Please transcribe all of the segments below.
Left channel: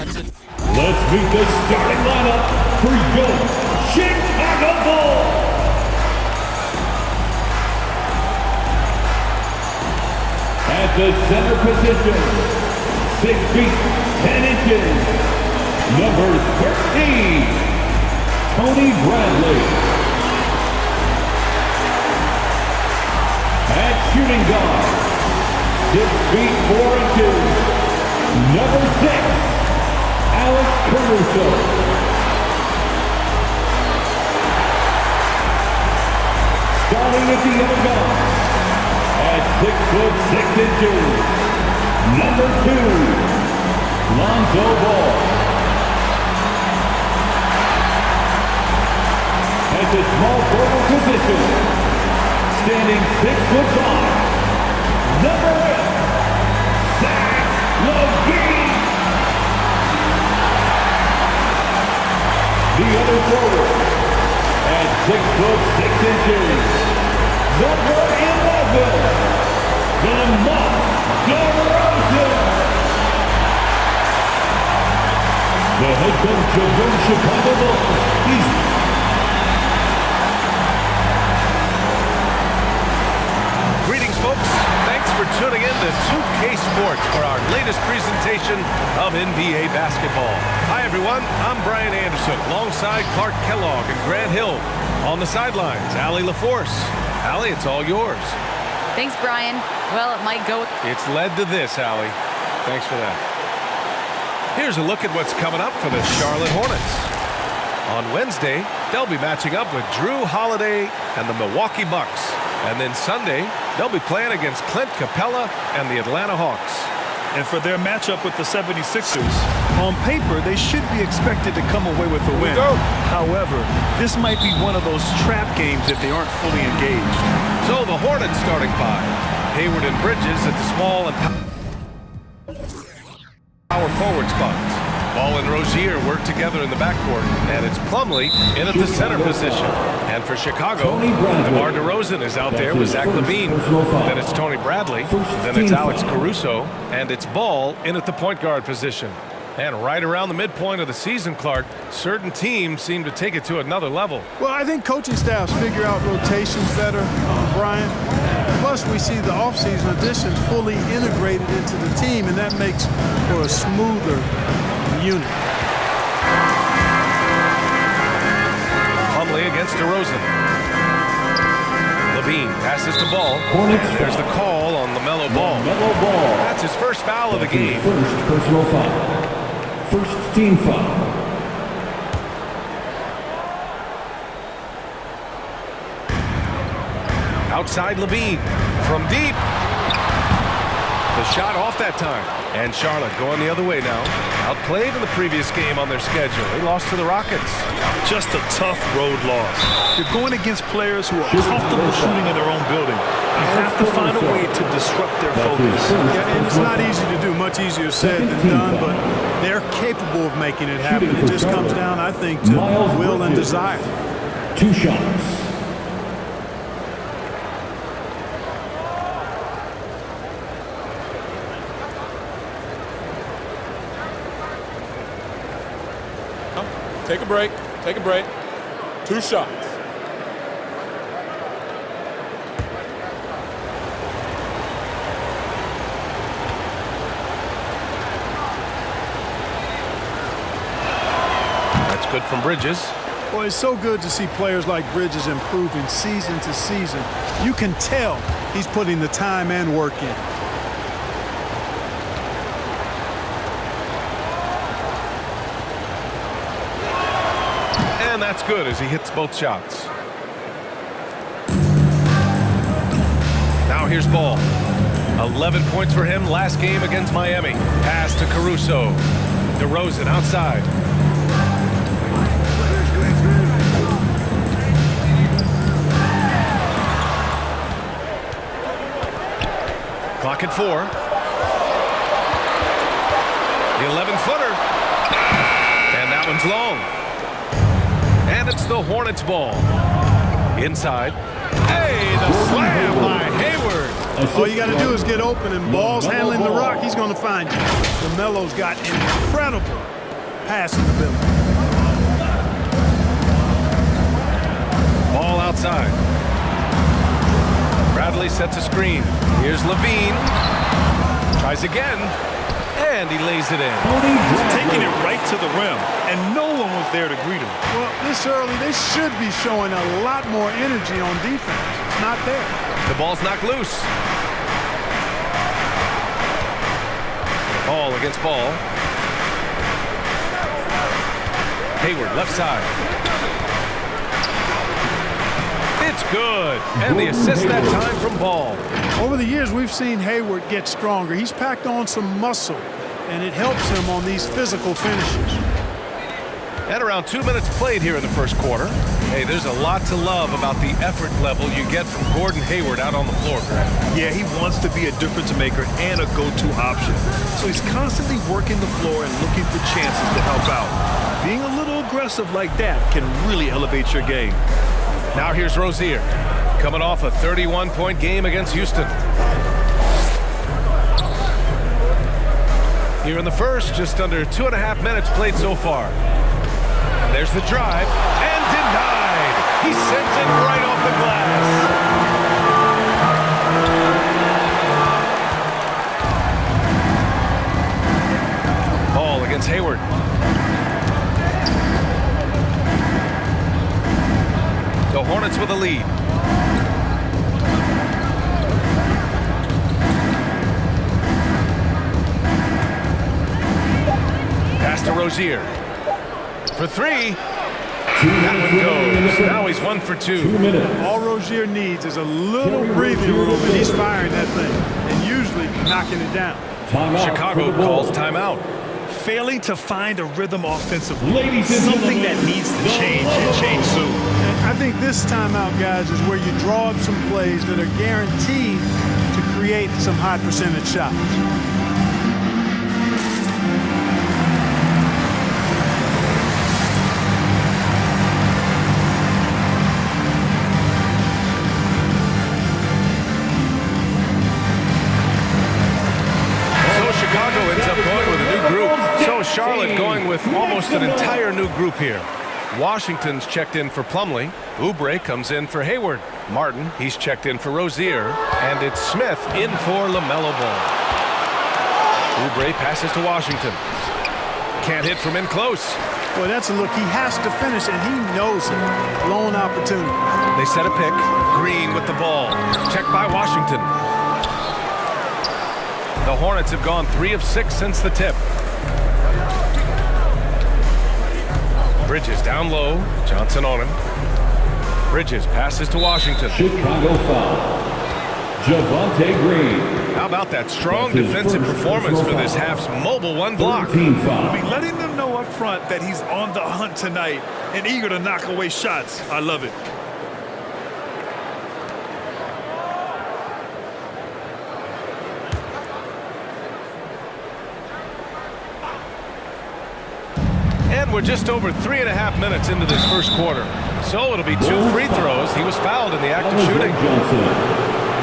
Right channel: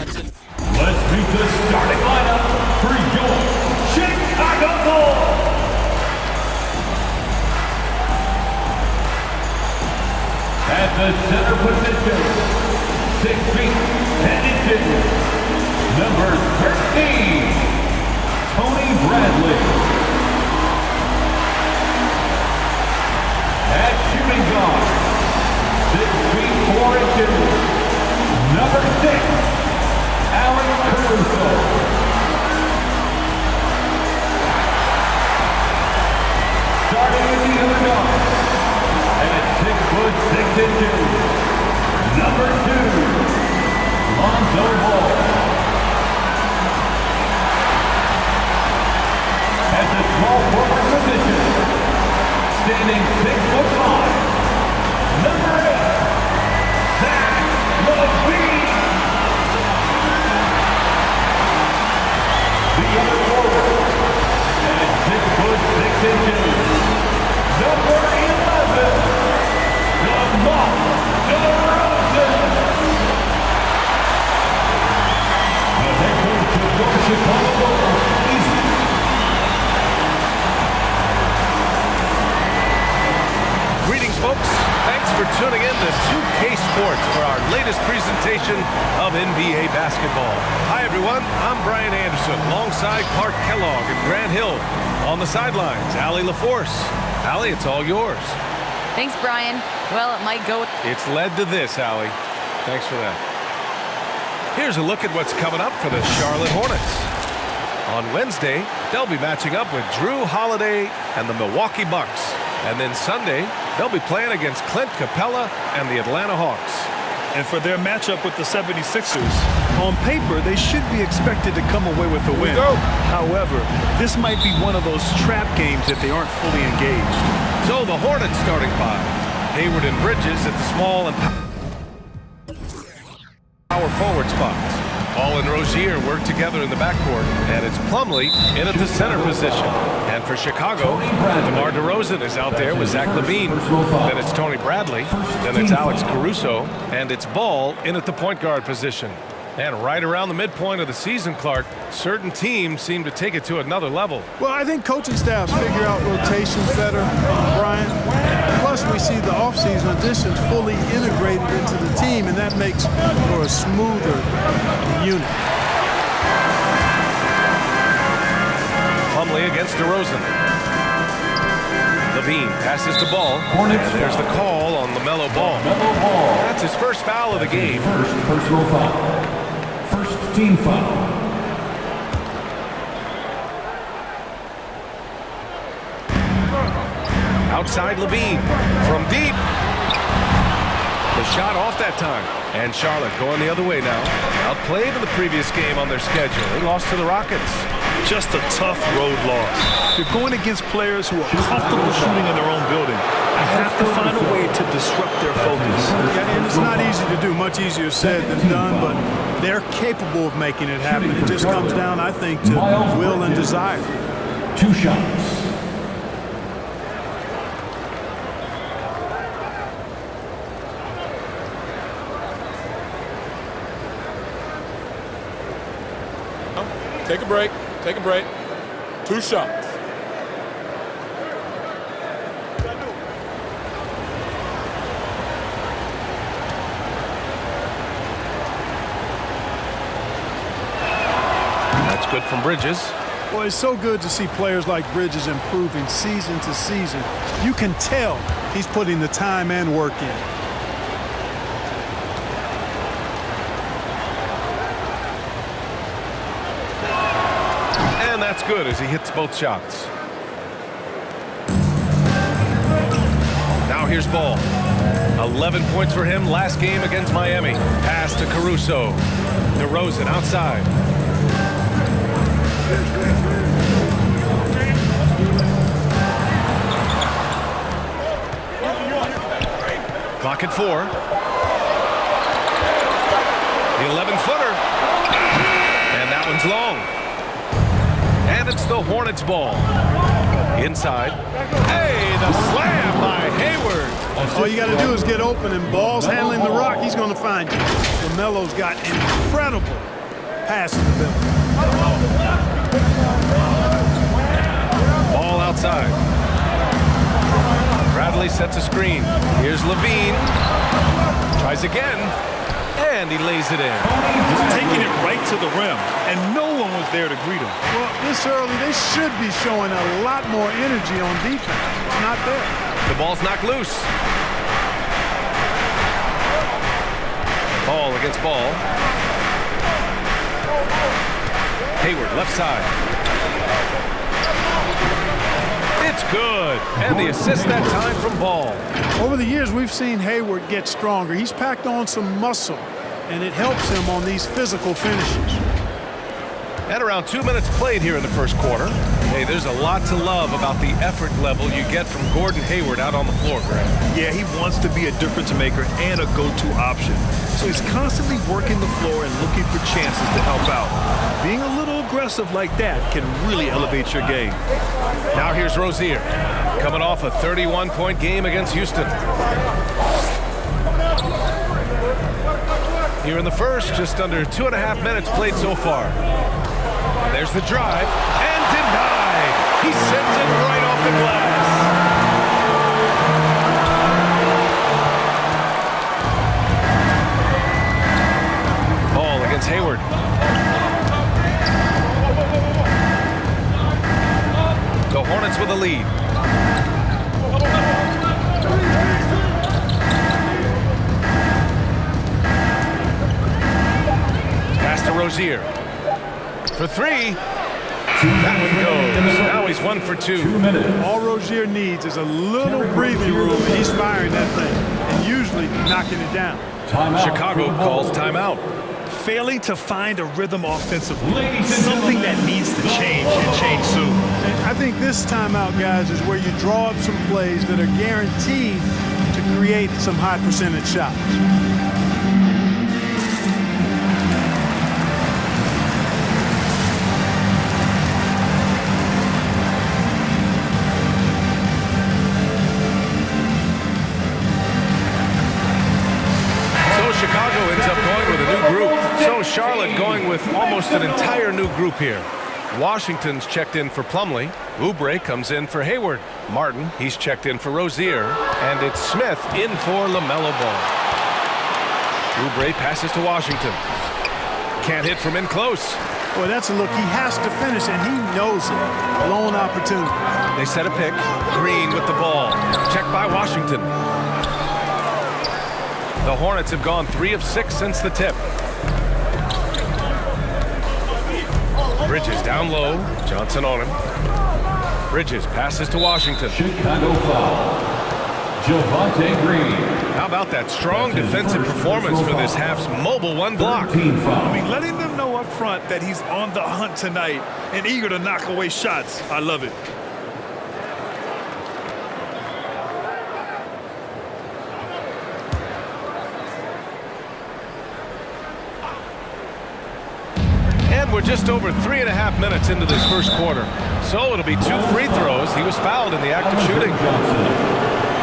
Let's meet the starting lineup for your Chicago Bulls. At the center position, 6 feet, 10 inches, number 13, Tony Bradley. At shooting guard, 6 feet, 4 inches, number 6, Alex Caruso. Starting at the other guard, at 6 foot 6 inches, number 2, Lonzo Ball. At the small forward position, standing 6 foot 5, number 8, Zach LaVine. The other forward, at 6 foot 6 inches, number 11, DeMar DeRozan. The head coach of your Chicago Bulls is Greetings, folks. Thanks for tuning in to 2K Sports for our latest presentation of NBA basketball. Hi, everyone. I'm Brian Anderson, alongside Clark Kellogg and Grant Hill. On the sidelines, Allie LaForce. Allie, it's all yours. Thanks, Brian. Well, it might go. It's led to this, Allie. Thanks for that. Here's a look at what's coming up for the Charlotte Hornets. On Wednesday, they'll be matching up with Drew Holiday and the Milwaukee Bucks. And then Sunday, they'll be playing against Clint Capella and the Atlanta Hawks. And for their matchup with the 76ers, on paper, they should be expected to come away with a win. However, this might be one of those trap games if they aren't fully engaged. So the Hornets starting 5. Hayward and Bridges at the small and power forward spots. Ball and Rozier work together in the backcourt, and it's Plumlee in at the center position. And for Chicago, DeMar DeRozan is out there with Zach LaVine. Then it's Tony Bradley. Then it's Alex Caruso. And it's Ball in at the point guard position. And right around the midpoint of the season, Clark, certain teams seem to take it to another level. Well, I think coaching staffs figure out rotations better, Brian. Plus, we see the offseason additions fully integrated into the team, and that makes for a smoother unit. Plumlee against DeRozan. LaVine passes to Ball, and there's the call on LaMelo Ball. That's his first foul of the game. First personal foul. First team foul. Outside LaVine from deep. The shot off that time. And Charlotte going the other way now. Outplayed in the previous game on their schedule. They lost to the Rockets. Just a tough road loss. You're going against players who are comfortable shooting in their own building. You have to find a way to disrupt their focus. Yeah, and it's not easy to do, much easier said than done, but they're capable of making it happen. It just comes down, I think, to will and desire. 2 shots. Take a break. Take a break. 2 shots. That's good from Bridges. Well, it's so good to see players like Bridges improving season to season. You can tell he's putting the time and work in. And that's good as he hits both shots. Now here's Ball. 11 points for him last game against Miami. Pass to Caruso. DeRozan outside. Clock at 4. The 11-footer. And that one's long. And it's the Hornets ball. Inside. Hey, the slam by Hayward. Hayward. All you got to do is get open, and Ball's handling the rock. He's going to find you. LaMelo's got incredible passing ability. Ball outside. Bradley sets a screen. Here's Levine. Tries again. And he lays it in. Just taking it right to the rim, and no one was there to greet him. Well, this early, they should be showing a lot more energy on defense. It's not there. The ball's knocked loose. Ball against ball. Hayward, left side. It's good. And the assist that time from Ball. Over the years, we've seen Hayward get stronger. He's packed on some muscle, and it helps him on these physical finishes. And around 2 minutes played here in the first quarter. Hey, there's a lot to love about the effort level you get from Gordon Hayward out on the floor, Grant. Yeah, he wants to be a difference maker and a go-to option. So he's constantly working the floor and looking for chances to help out. Being a little aggressive like that can really elevate your game. Now here's Rozier, coming off a 31-point game against Houston. Here in the first, just under 2.5 minutes played so far. And there's the drive, and denied. He sends it right off the glass. Ball against Hayward. The Hornets with a lead. Pass to Rozier. For three. That one goes. Now he's 1 for 2. 2 minutes. All Rozier needs is a little breathing room, and he's firing that thing, and usually knocking it down. Timeout. Chicago calls timeout. Failing to find a rhythm offensively, Ladies and something gentlemen, that needs to change and change soon. And I think this timeout, guys, is where you draw up some plays that are guaranteed to create some high percentage shots. Chicago ends up going with a new group. So Charlotte going with almost an entire new group here. Washington's checked in for Plumlee. Oubre comes in for Hayward. Martin, he's checked in for Rozier. And it's Smith in for LaMelo Ball. Oubre passes to Washington. Can't hit from in close. Boy, that's a look. He has to finish, and he knows it. Lone opportunity. They set a pick. Green with the ball. Checked by Washington. The Hornets have gone 3 of 6 since the tip. Bridges down low. Johnson on him. Bridges passes to Washington. Chicago foul. Javonte Green. How about that strong defensive performance for this half's mobile one block? 13 foul. I mean, letting them know up front that he's on the hunt tonight and eager to knock away shots. I love it. And we're just over 3.5 minutes into this first quarter. So it'll be 2 free throws. He was fouled in the act of shooting.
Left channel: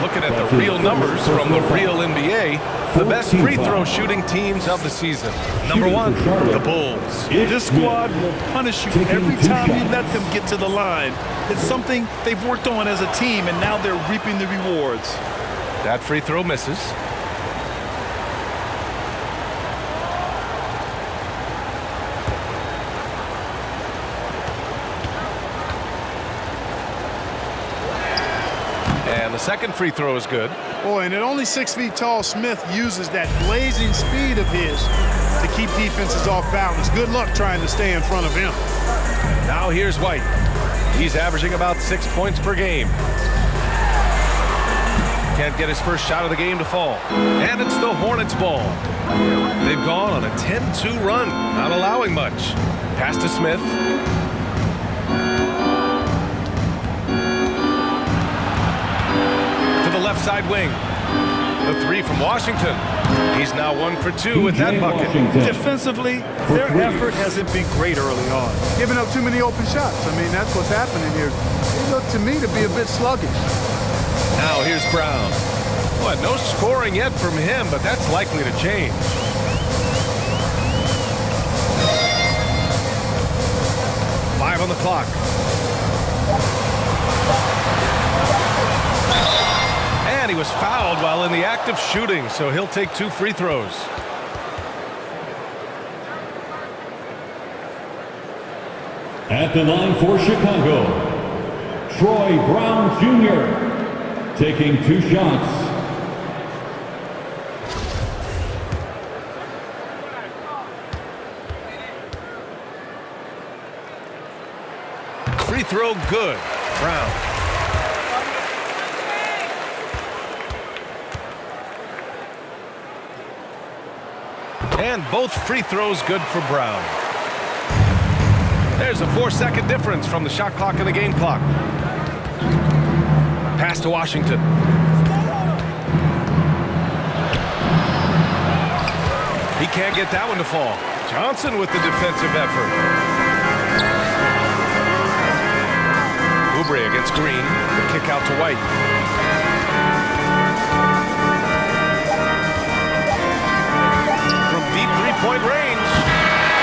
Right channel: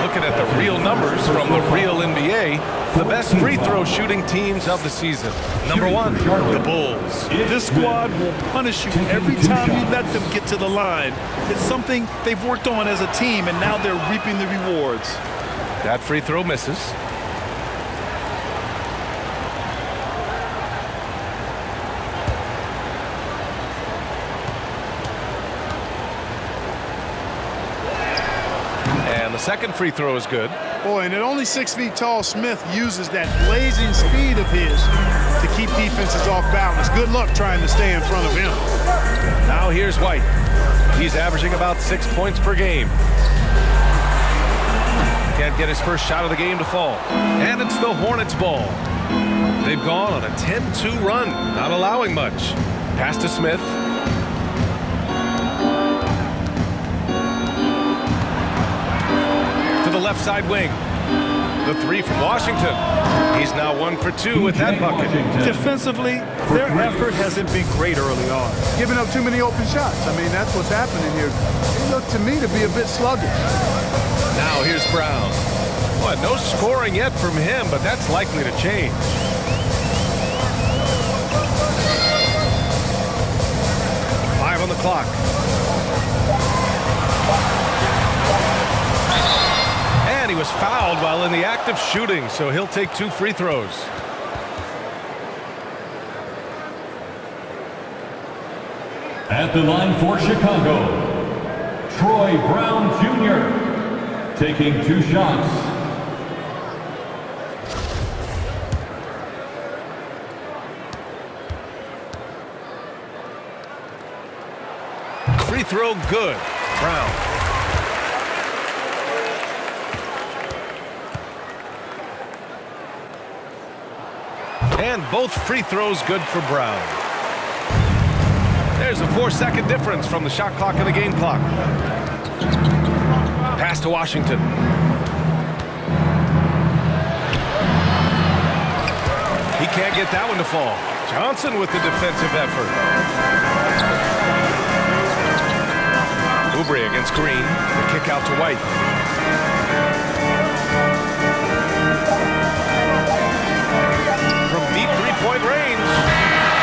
Looking at the real numbers from the real NBA, the best free throw shooting teams of the season. Number 1, the Bulls. This squad will punish you every time you let them get to the line. It's something they've worked on as a team, and now they're reaping the rewards. That free throw misses. And the second free throw is good. Boy, and at only 6 feet tall, Smith uses that blazing speed of his to keep defenses off balance. Good luck trying to stay in front of him. Now here's White. He's averaging about 6 points per game. Can't get his first shot of the game to fall. And it's the Hornets ball. They've gone on a 10-2 run, not allowing much. Pass to Smith. To the left side wing. The 3 from Washington. He's now 1 for 2 with that bucket. Defensively, their effort hasn't been great early on. Giving up too many open shots. I mean, that's what's happening here. They look to me to be a bit sluggish. Now here's Brown. Boy, no scoring yet from him, but that's likely to change. Five on the clock. And he was fouled while in the act of shooting, so he'll take 2 free throws. At the line for Chicago, Troy Brown Jr. taking 2 shots. Free throw good. Brown. And both free throws good for Brown. There's a 4-second difference from the shot clock and the game clock. Pass to Washington. He can't get that one to fall. Johnson with the defensive effort. Oubre against Green. The kick out to White. From deep three-point range.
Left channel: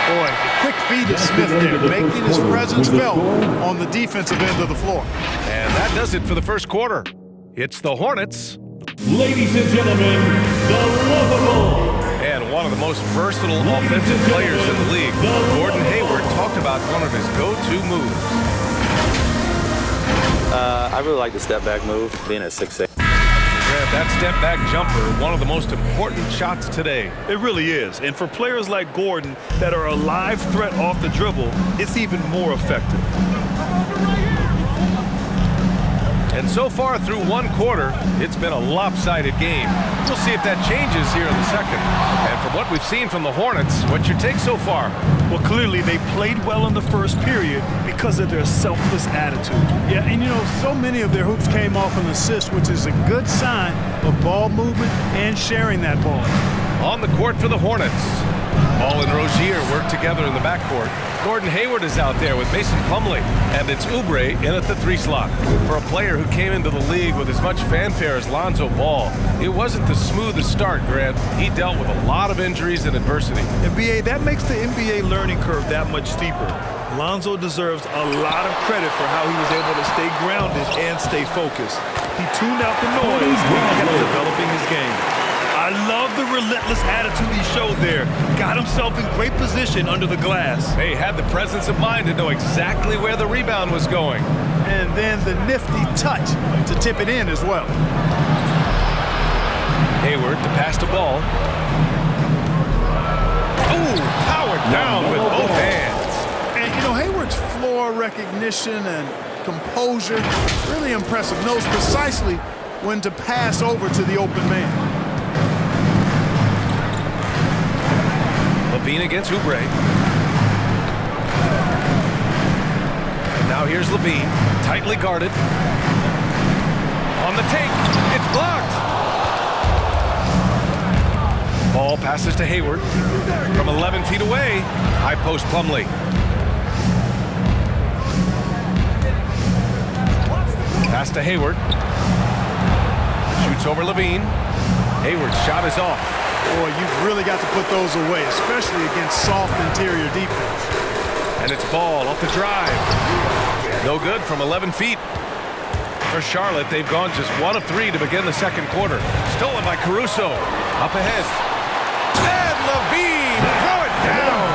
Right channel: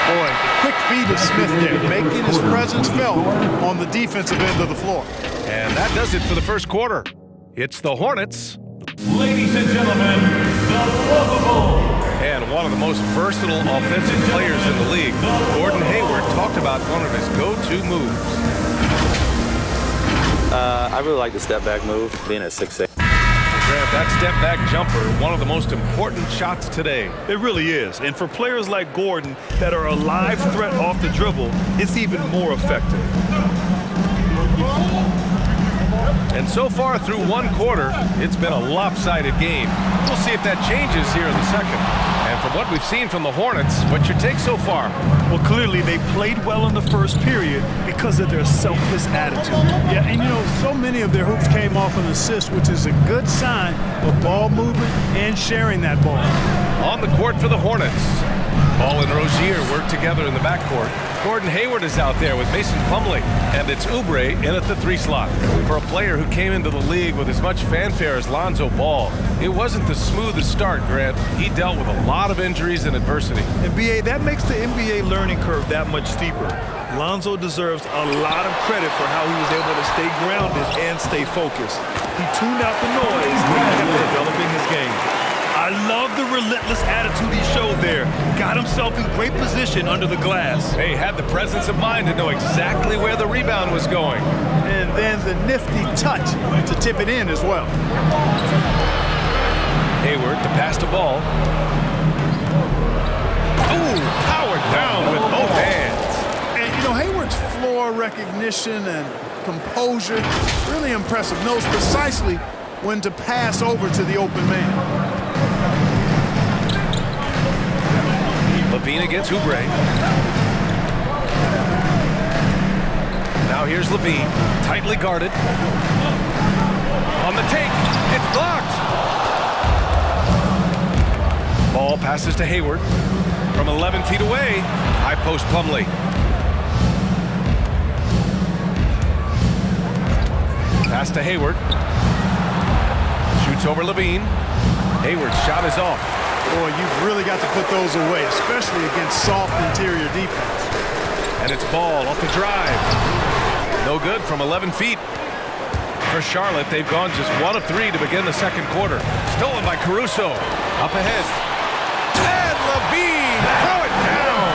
Boy, the quick feed of Smith there, making his presence felt on the defensive end of the floor. And that does it for the first quarter. It's the Hornets. Ladies and gentlemen, the lovable. And one of the most versatile offensive players in the league, Gordon Hayward, talked about one of his go-to moves. I really like the step-back move, being at 6'8". Grant, that step-back jumper, one of the most important shots today. It really is. And for players like Gordon that are a live threat off the dribble, it's even more effective. And so far through one quarter, it's been a lopsided game. We'll see if that changes here in the second. And from what we've seen from the Hornets, what's your take so far? Well, clearly they played well in the first period because of their selfless attitude. Yeah, and you know, so many of their hoops came off an assist, which is a good sign of ball movement and sharing that ball. On the court for the Hornets. Ball and Rozier work together in the backcourt. Gordon Hayward is out there with Mason Plumlee, and it's Oubre in at the 3 slot. For a player who came into the league with as much fanfare as Lonzo Ball, it wasn't the smoothest start, Grant. He dealt with a lot of injuries and adversity. And BA, that makes the NBA learning curve that much steeper. Lonzo deserves a lot of credit for how he was able to stay grounded and stay focused. He tuned out the noise and kept developing his game. I love the relentless attitude he showed there. Got himself in great position under the glass. He had the presence of mind to know exactly where the rebound was going. And then the nifty touch to tip it in as well. Hayward to pass the ball. Ooh, powered down with both hands. And, you know, Hayward's floor recognition and composure, really impressive. Knows precisely when to pass over to the open man. Levine against Oubre. Now here's Levine, tightly guarded. On the take, it's blocked. Ball passes to Hayward. From 11 feet away, high post Plumlee. Pass to Hayward. Shoots over Levine. Hayward's shot is off. Boy, you've really got to put those away, especially against soft interior defense. And it's Ball off the drive. No good from 11 feet. For Charlotte, they've gone just 1 of 3 to begin the second quarter. Stolen by Caruso. Up ahead. And Levine, throw it down.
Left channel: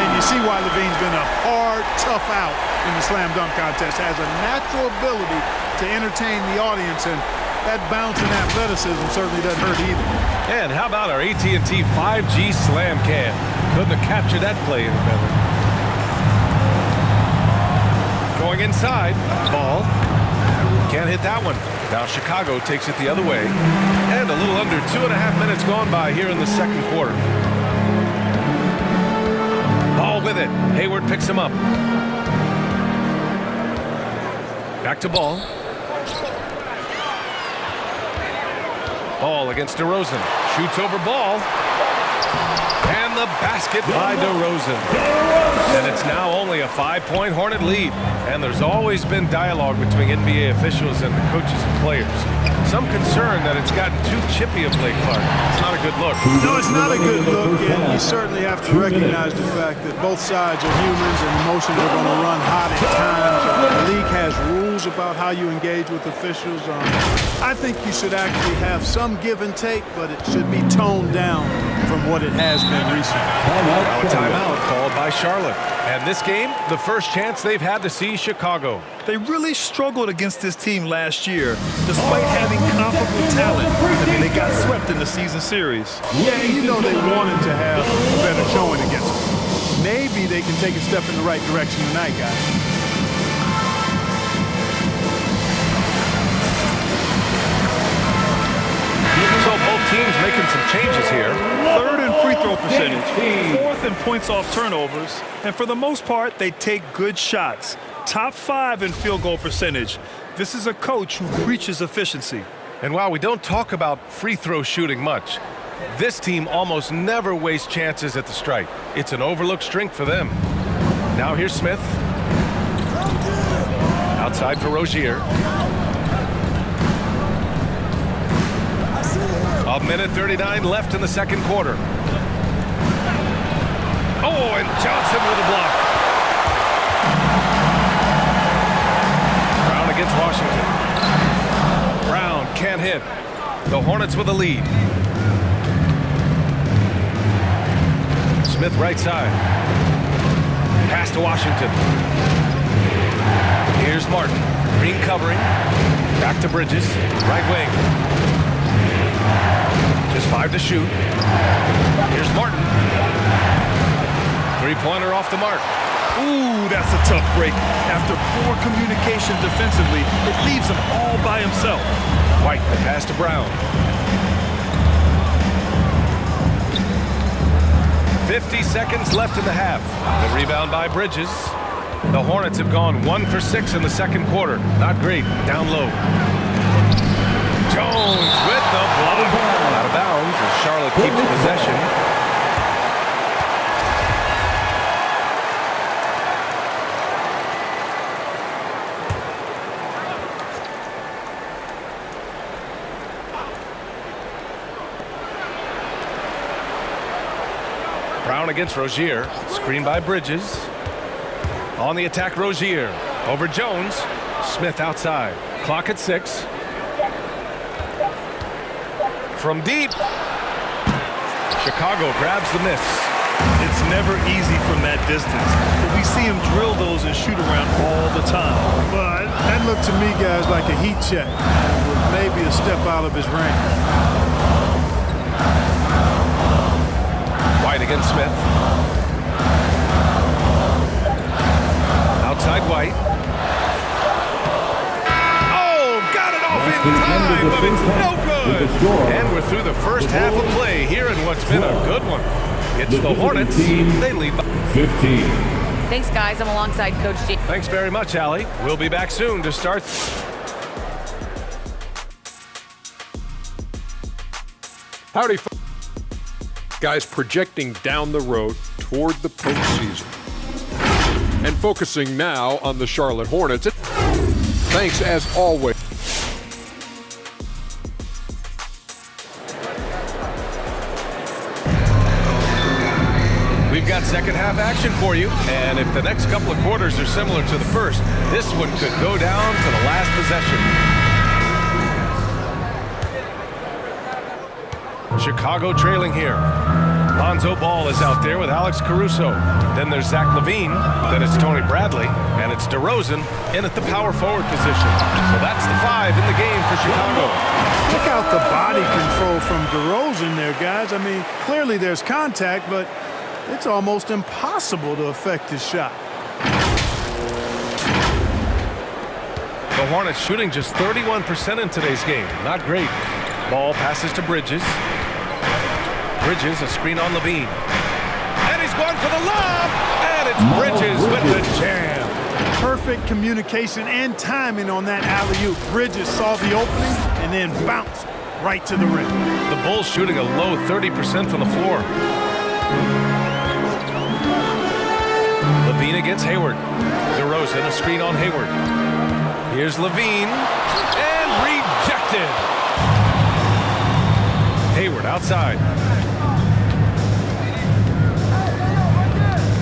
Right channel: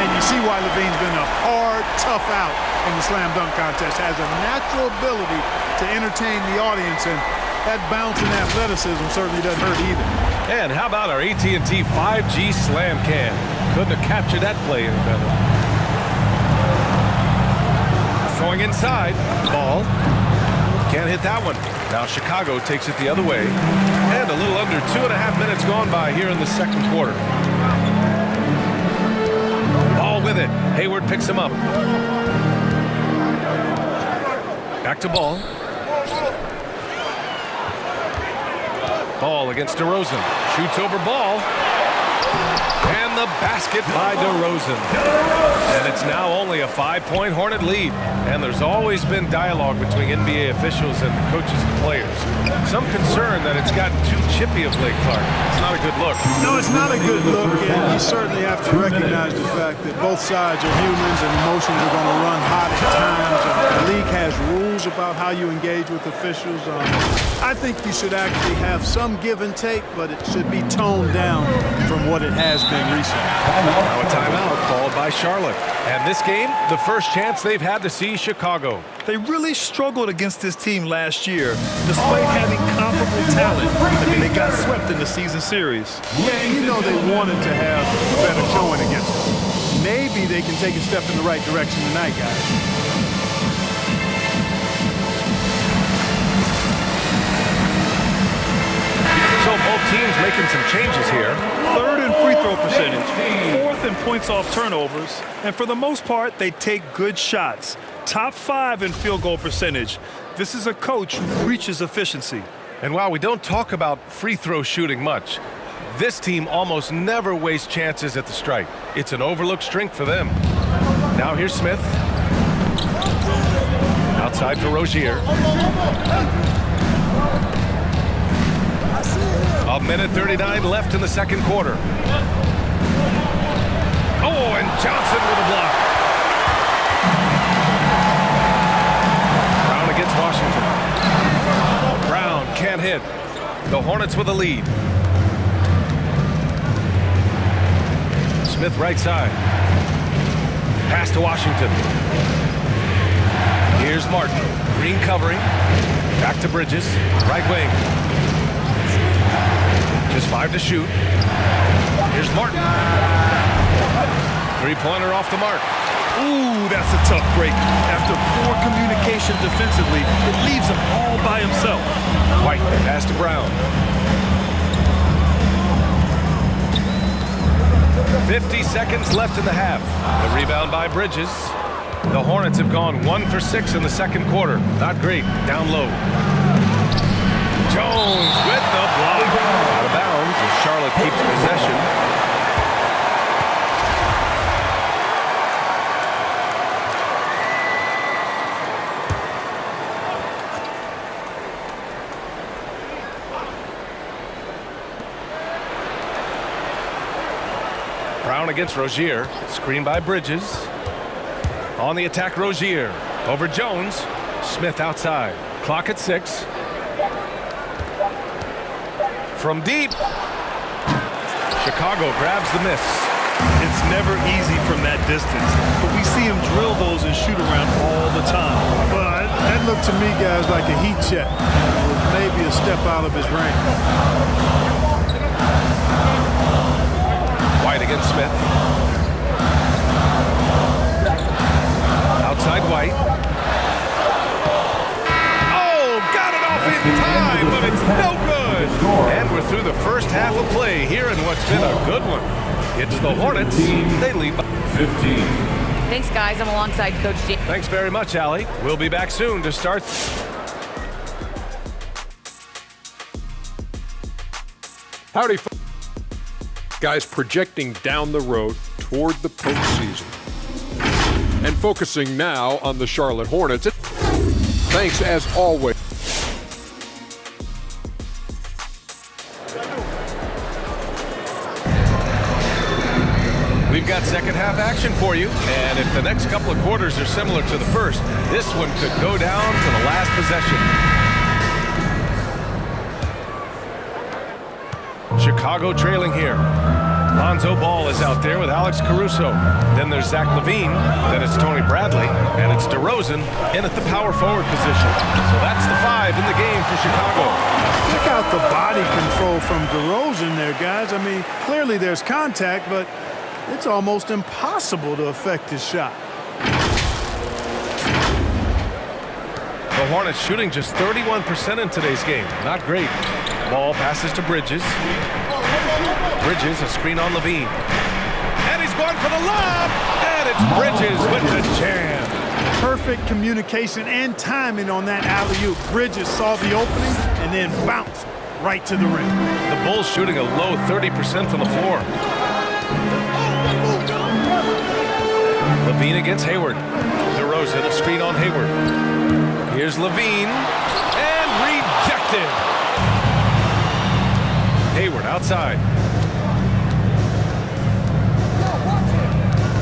And you see why Levine's been a hard, tough out in the slam dunk contest. Has a natural ability to entertain the audience, and that bounce and athleticism certainly doesn't hurt either. And how about our AT&T 5G slam cam? Couldn't have captured that play any better. Going inside, Ball. Can't hit that one. Now Chicago takes it the other way. And a little under 2.5 minutes gone by here in the second quarter. Ball with it. Hayward picks him up. Back to Ball. Ball against DeRozan. Shoots over Ball. And the basket by DeRozan. And it's now only a 5-point Hornet lead. And there's always been dialogue between NBA officials and the coaches and players. Some concern that it's gotten too chippy of late, Clark. It's not a good look. No, it's not a good look, and you certainly have to recognize the fact that both sides are humans and emotions are going to run hot at times. The league has rules about how you engage with officials. I think you should actually have some give and take, but it should be toned down from what it has been recently. Now a timeout called by Charlotte. And this game, the first chance they've had to see Chicago. They really struggled against this team last year, despite having comparable talent. I mean, they got swept in the season series. Yeah, you know they wanted to have a better showing against them. Maybe they can take a step in the right direction tonight, guys. So both teams making some changes here. Third in free throw percentage, fourth in points off turnovers, and for the most part, they take good shots. Top 5 in field goal percentage. This is a coach who preaches efficiency. And while we don't talk about free throw shooting much, this team almost never wastes chances at the stripe. It's an overlooked strength for them. Now here's Smith. Outside for Rozier. A minute 39 left in the second quarter. Oh, and Johnson with a block. Brown against Washington. Brown can't hit. The Hornets with a lead. Smith right side. Pass to Washington. Here's Martin. Green covering. Back to Bridges. Right wing. Just 5 to shoot. Here's Martin. Three-pointer off the mark. Ooh, that's a tough break. After poor communication defensively, it leaves him all by himself. White, the pass to Brown. 50 seconds left in the half. The rebound by Bridges. The Hornets have gone 1 for 6 in the second quarter. Not great. Down low. Jones with the block. Out of bounds as Charlotte keeps possession. Brown against Rozier. Screen by Bridges. On the attack, Rozier. Over Jones. Smith outside. Clock at 6. From deep. Chicago grabs the miss. It's never easy from that distance, but we see him drill those and shoot around all the time. But that looked to me, guys, like a heat check. It was maybe a step out of his range. White against Smith. Outside White. Oh, got it off in time, but it's no good. And we're through the first half of play here in what's been a good one. It's the Hornets. They lead by 15. Thanks, guys. I'm alongside Coach J. Thanks very much, Allie. We'll be back soon to start. Howdy, guys, projecting down the road toward the postseason. And focusing now on the Charlotte Hornets. Thanks, as always. We've got second half action for you, and if the next couple of quarters are similar to the first, this one could go down to the last possession. Chicago trailing here. Lonzo Ball is out there with Alex Caruso. Then there's Zach LaVine. Then it's Tony Bradley. And it's DeRozan in at the power forward position. So that's the 5 in the game for Chicago. Check out the body control from DeRozan there, guys. I mean, clearly there's contact, but it's almost impossible to affect his shot. The Hornets shooting just 31% in today's game. Not great. Ball passes to Bridges. Bridges, a screen on LaVine. And he's going for the lob! And it's Bridges with the jam. Perfect communication and timing on that alley-oop. Bridges saw the opening and then bounced right to the rim. The Bulls shooting a low 30% from the floor. Levine against Hayward. DeRozan, a screen on Hayward. Here's Levine, and rejected. Hayward outside.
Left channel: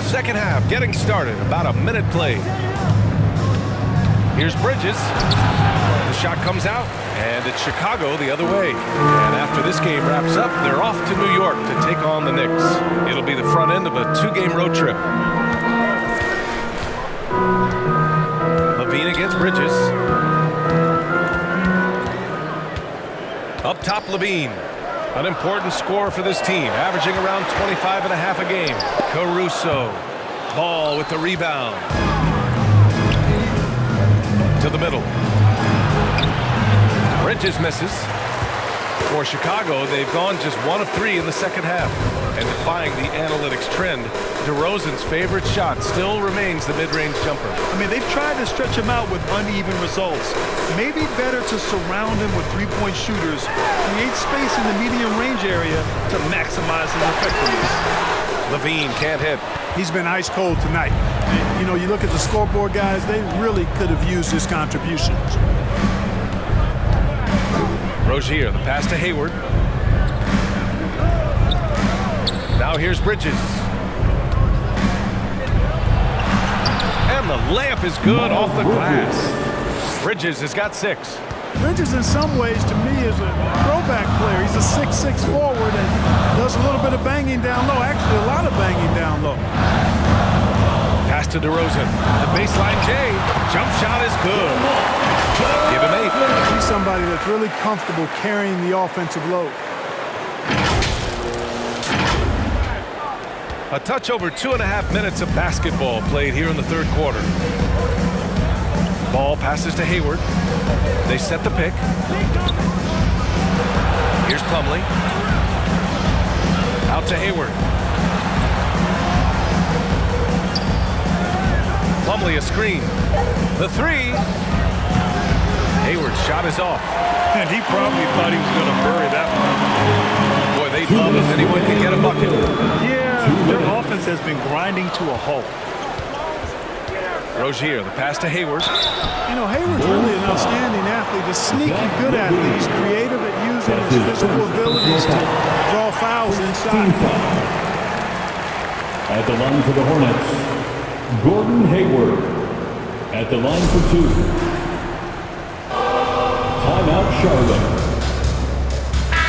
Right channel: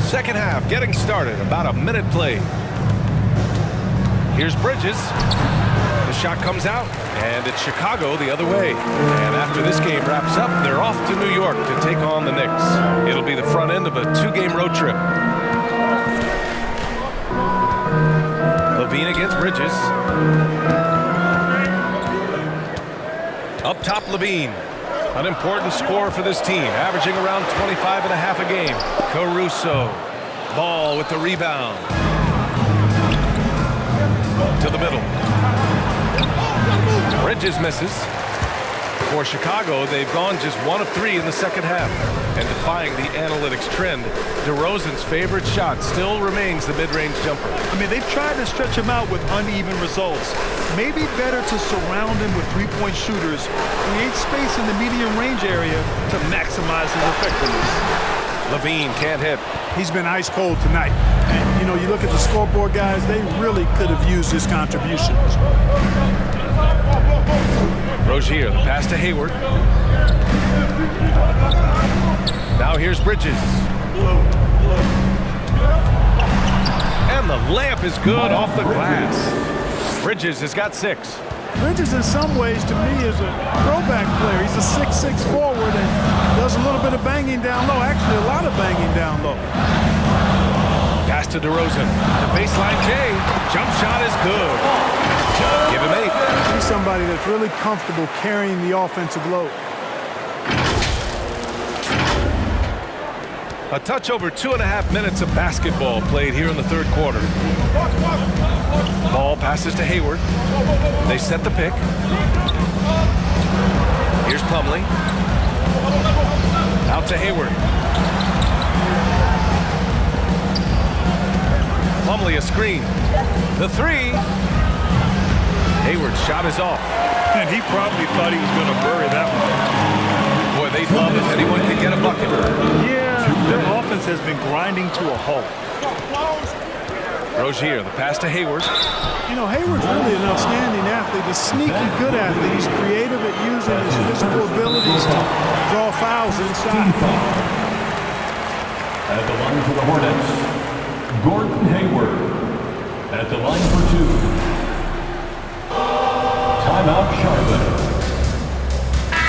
Second half getting started, about a minute played. Here's Bridges. The shot comes out, and it's Chicago the other way. And after this game wraps up, they're off to New York to take on the Knicks. It'll be the front end of a 2-game road trip. Levine against Bridges. Up top, Levine. An important score for this team, averaging around 25.5 a game. Caruso. Ball with the rebound. To the middle. Bridges misses. For Chicago, they've gone just 1 of 3 in the second half. And defying the analytics trend, DeRozan's favorite shot still remains the mid-range jumper. I mean, they've tried to stretch him out with uneven results. Maybe better to surround him with three-point shooters, create space in the medium range area to maximize his effectiveness. Levine can't hit. He's been ice cold tonight. And, you know, you look at the scoreboard, guys, they really could have used his contributions. Rozier, the pass to Hayward. Now here's Bridges. And the layup is good off the glass. Bridges has got 6. Bridges, in some ways, to me, is a throwback player. He's a 6'6" forward and does a little bit of banging down low. Actually, a lot of banging down low. Pass to DeRozan. The baseline J. Jump shot is good. Give him 8. He's somebody that's really comfortable carrying the offensive load. A touch over 2.5 minutes of basketball played here in the third quarter. Ball passes to Hayward. They set the pick. Here's Plumlee. Out to Hayward. Plumlee a screen. The 3. Hayward's shot is off. And he probably thought he was going to bury that one. Boy, they'd love if anyone can get a bucket. Yeah, their offense has been grinding to a halt. Rozier, the pass to Hayward. You know, Hayward's really an outstanding athlete, a sneaky good athlete. He's creative at using his physical abilities to draw fouls inside. At the line for the Hornets, Gordon Hayward. At the line for 2. Timeout, Charlotte.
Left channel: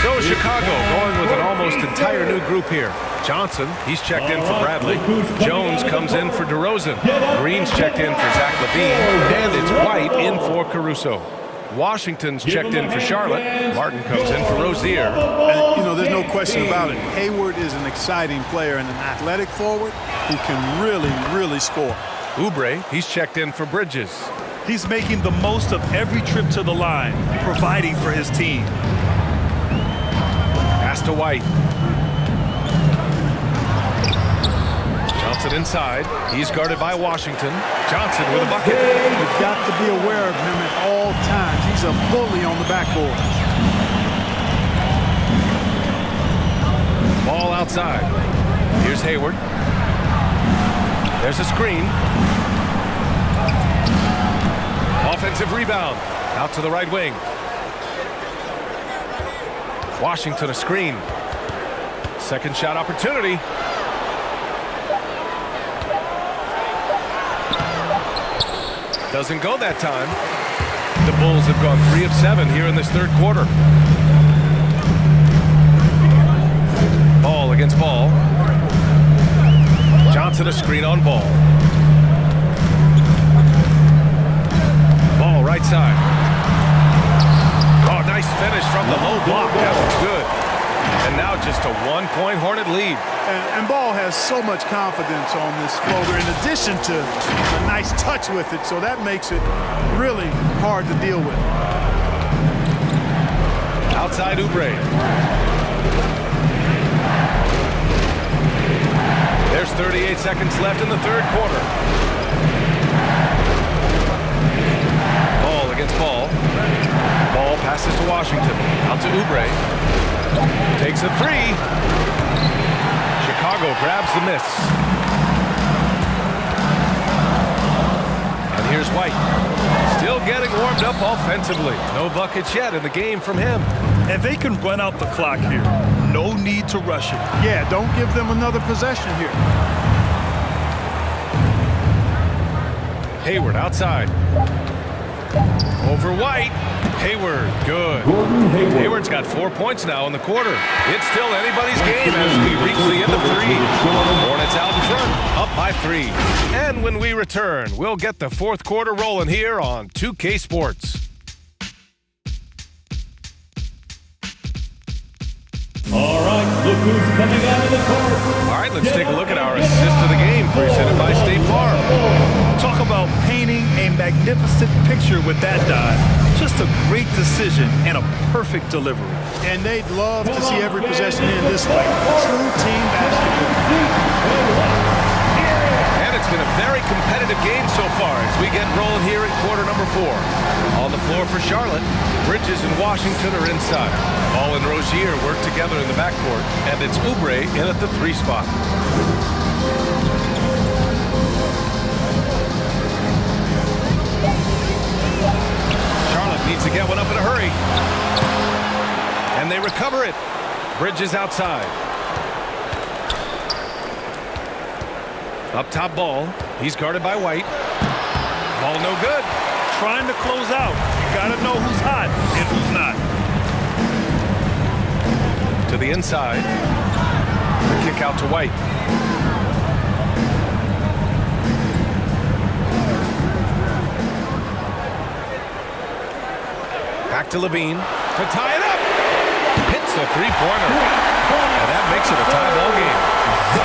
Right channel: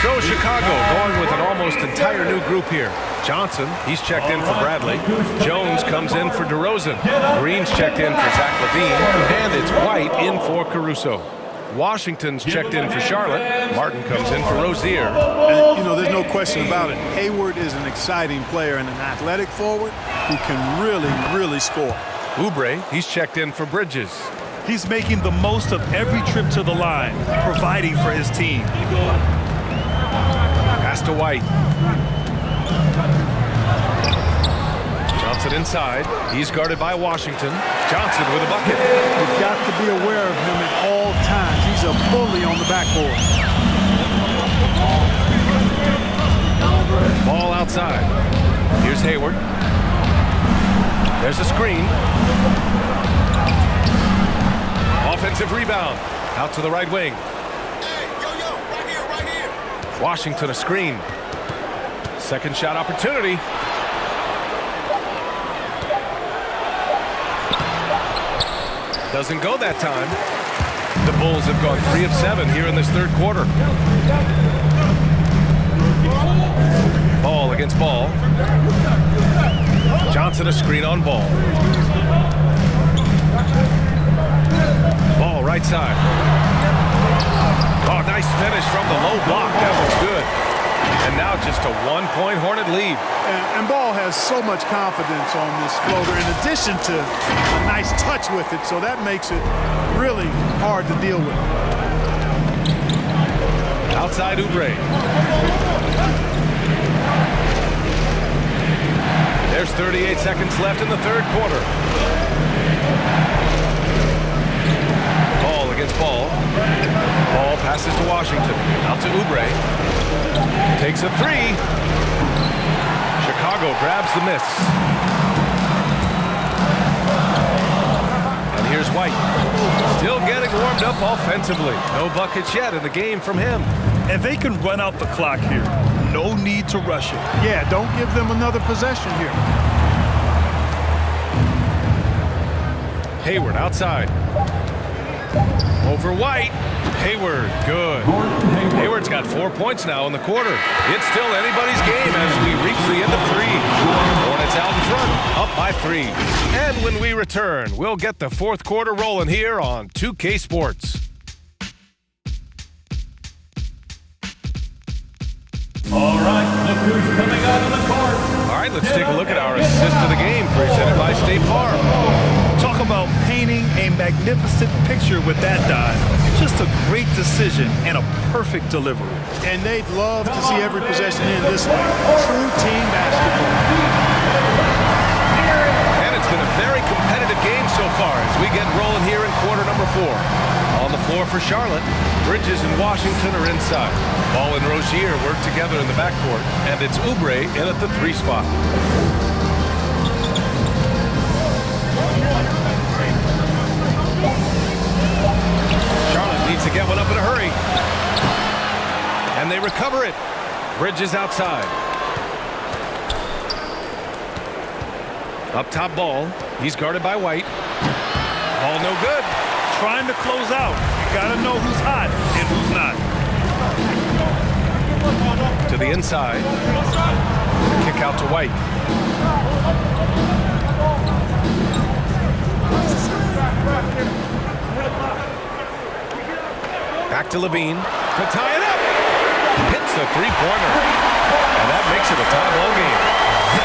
So Chicago going with an almost entire new group here. Johnson, he's checked in for Bradley. Jones comes in for DeRozan. Green's checked in for Zach LaVine. And it's White in for Caruso. Washington's checked in for Charlotte. Martin comes in for Rozier. And, you know, there's no question about it. Hayward is an exciting player and an athletic forward who can really, really score. Oubre, he's checked in for Bridges. He's making the most of every trip to the line, providing for his team. Pass to White. Johnson inside. He's guarded by Washington. Johnson with a bucket. You've got to be aware of him at all times. He's a bully on the backboard. Ball outside. Here's Hayward. There's a screen. Offensive rebound. Out to the right wing. Washington a screen. Second shot opportunity. Doesn't go that time. The Bulls have gone 3 of 7 here in this third quarter. Ball against Ball. Johnson a screen on Ball. Ball right side. Oh, nice finish from the low block. That was good. And now just a 1-point Hornet lead. And Ball has so much confidence on this floater in addition to a nice touch with it, so that makes it really hard to deal with. Outside Oubre. There's 38 seconds left in the third quarter. Ball against Ball. Ball passes to Washington. Out to Oubre. Takes a 3. Chicago grabs the miss. White. Still getting warmed up offensively. No buckets yet in the game from him. And they can run out the clock here. No need to rush it. Yeah, don't give them another possession here. Hayward outside. Over White. Hayward, good. Gordon Hayward. Hayward's got 4 points now in the quarter. It's still anybody's game as we reach the end of 3. Hornets out in front, up by 3. And when we return, we'll get the fourth quarter rolling here on 2K Sports. All right, look who's coming out of the court. All right, let's take a look at our assist of the game presented by State Farm. Talk about painting a magnificent picture with that dive. Just a great decision and a perfect delivery. And they'd love to see every possession in this way. True team basketball. And it's been a very competitive game so far as we get rolling here in quarter number 4. On the floor for Charlotte, Bridges and Washington are inside. Ball and Rozier work together in the backcourt, and it's Oubre in at the 3 spot. Charlotte needs to get one up in a hurry. And they recover it. Bridges outside. Up top ball. He's guarded by White. Ball no good. Trying to close out. You got to know who's hot and who's not. To the inside. The kick out to White. Back to Levine to tie it up. Hits the three-pointer. And that makes it a tie ball game.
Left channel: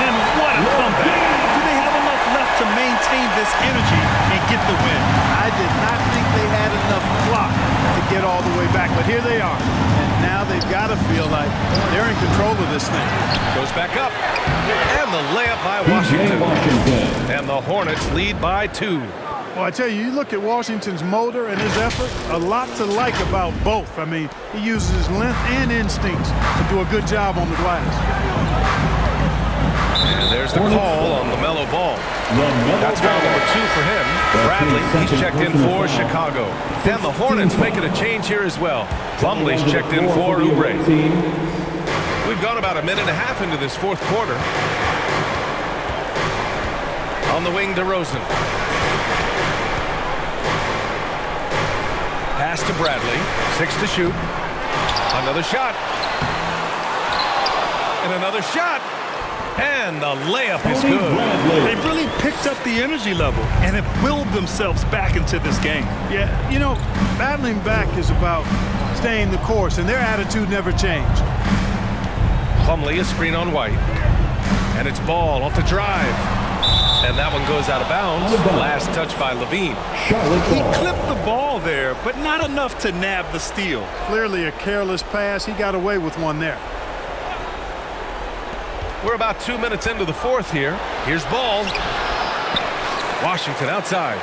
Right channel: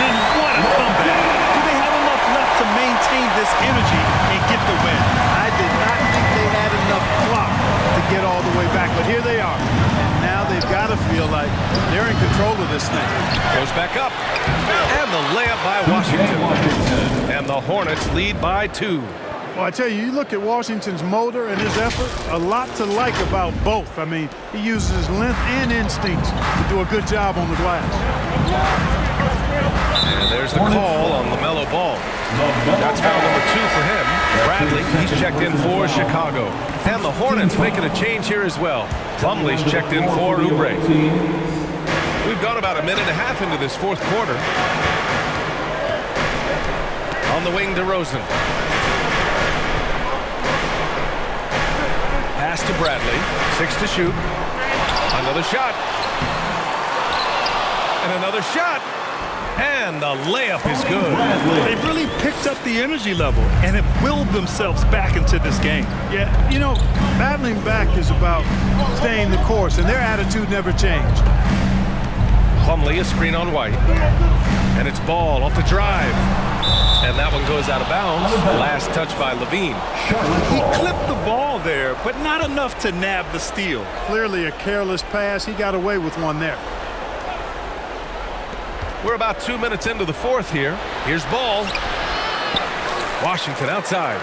And what a comeback. Do they have enough left to maintain this energy and get the win? I did not think they had enough clock to get all the way back, but here they are. And now they've got to feel like they're in control of this thing. Goes back up. And the layup by Washington. And the Hornets lead by 2. Well, I tell you, you look at Washington's motor and his effort, a lot to like about both. I mean, he uses his length and instincts to do a good job on the glass. And there's the call on LaMelo Ball. That's foul number 2 for him. Bradley, he's checked in for Chicago. And the Hornets making a change here as well. Plumlee's checked in for Oubre. We've gone about a minute and a half into this fourth quarter. On the wing, DeRozan. Pass to Bradley. 6 to shoot. Another shot. And another shot. And the layup is good. They've really picked up the energy level and have willed themselves back into this game. Yeah, you know, battling back is about staying the course, and their attitude never changed. Plumlee, a screen on White. And it's Ball off the drive. And that one goes out of bounds. Last touch by Levine. He clipped the ball there, but not enough to nab the steal. Clearly a careless pass. He got away with one there. We're about 2 minutes into the fourth here. Here's Ball. Washington outside.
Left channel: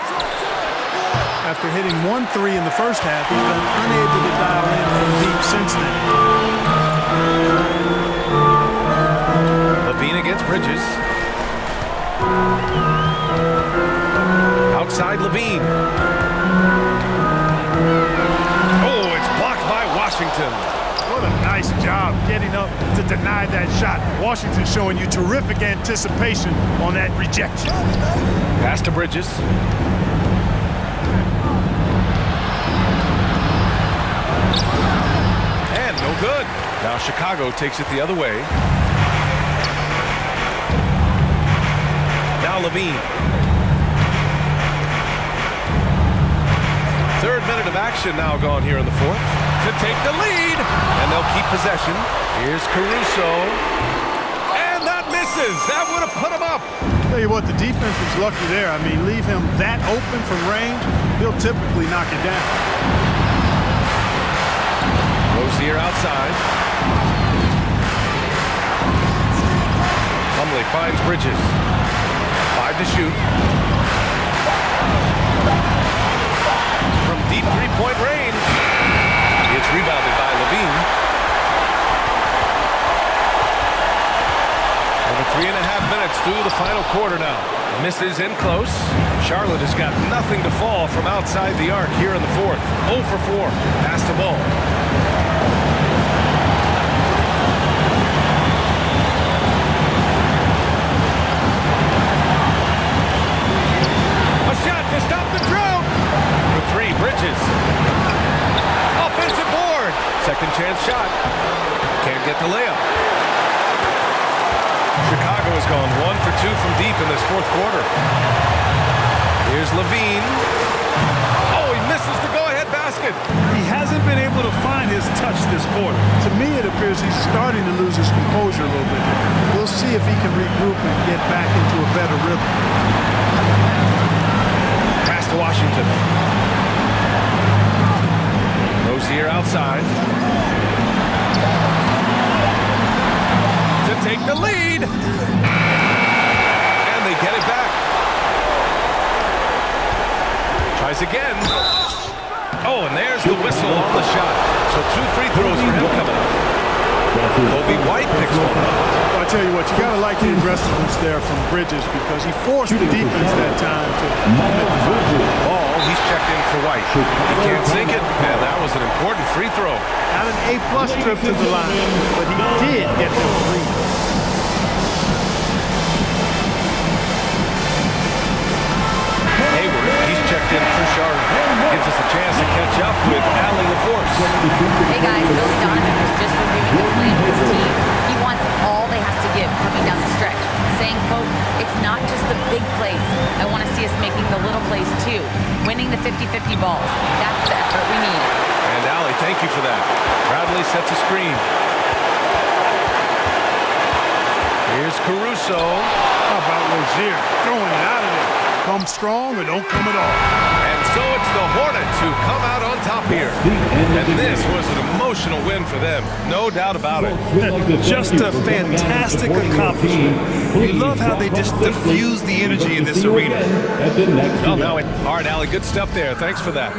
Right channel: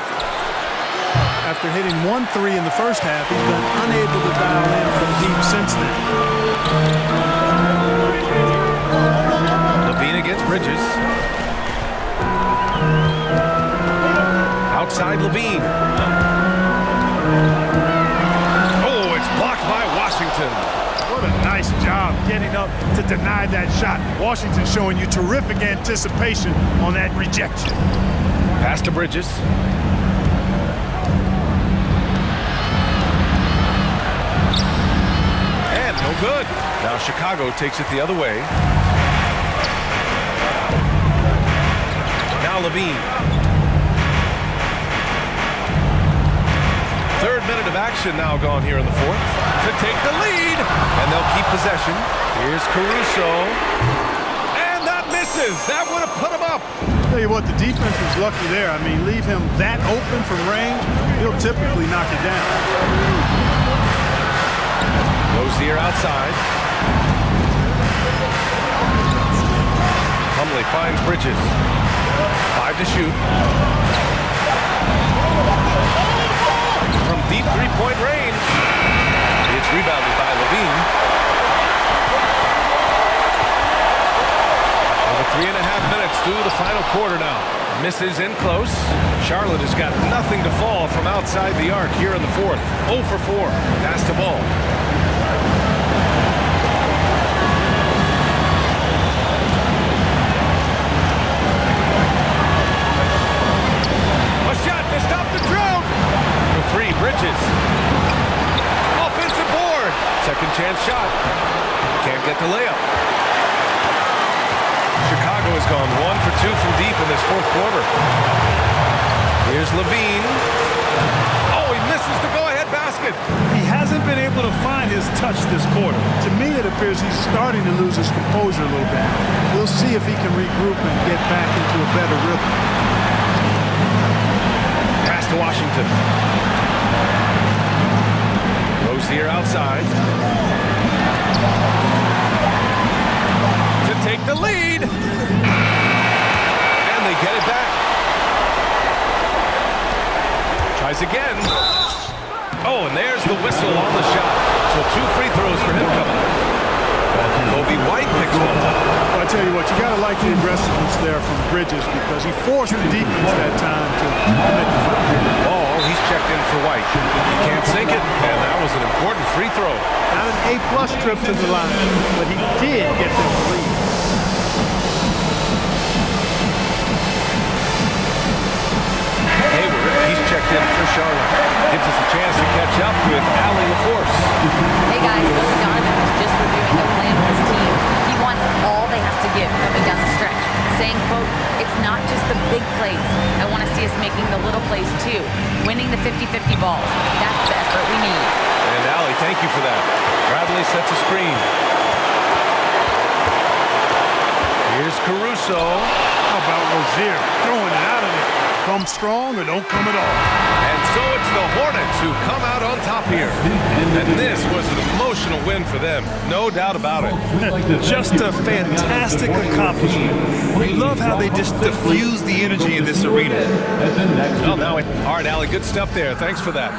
After hitting 1 3 in the first half, he's been unable to dial in from deep since then. Levine against Bridges. Outside Levine. Oh, it's blocked by Washington. What a nice job getting up to deny that shot. Washington showing you terrific anticipation on that rejection. Pass to Bridges. And no good. Now Chicago takes it the other way. Now Levine. Third minute of action now gone here in the fourth to take the lead. And they'll keep possession. Here's Caruso. And that misses. That would have put him up. Tell you what, the defense was lucky there. I mean, leave him that open from range, he'll typically knock it down. Rozier outside. Plumlee finds Bridges. 5 to shoot. From deep three-point range. It's rebounded by Levine. Over 3.5 minutes through the final quarter now. Misses in close. Charlotte has got nothing to fall from outside the arc here in the fourth. 0 for 4. Pass to Ball. A shot to stop the drought. For 3, Bridges. Offensive board. Second chance shot. Can't get the layup. Chicago has gone 1 for 2 from deep in this fourth quarter. Here's Levine. Oh, he misses the go-ahead basket. He hasn't been able to find his touch this quarter. To me, it appears he's starting to lose his composure a little bit. We'll see if he can regroup and get back into a better rhythm. Pass to Washington. Rozier outside. To take the lead. And they get it back. Tries again. Oh, and there's the whistle on the shot. So 2 free throws for him coming up. Kobe White picks one up. Well, I tell you what, you got to like the aggressiveness there from Bridges because he forced the defense that time to commit the foul. Ball, he's checked in for White. He can't sink it, and that was an important free throw. Not an A-plus trip to the line, but he did get them the lead. Hayward, he's checked in for Charlotte. Gives us a chance to catch up with Allie LaForce. Hey guys, Billy Donovan was just reviewing the plan with his team. He wants all they have to give coming down the stretch, saying, quote, "It's not just the big plays. I want to see us making the little plays too, winning the 50-50 balls. That's the effort we need." And Allie, thank you for that. Bradley sets a screen. Here's Caruso. How about Rozier throwing it out of there? Come strong or don't come at all. And so it's the Hornets who come out on top here. And this was an emotional win for them. No doubt about it. Just a fantastic accomplishment. You love how they just diffuse the energy in this arena. Well, now, all right, Allie, good stuff there. Thanks for that.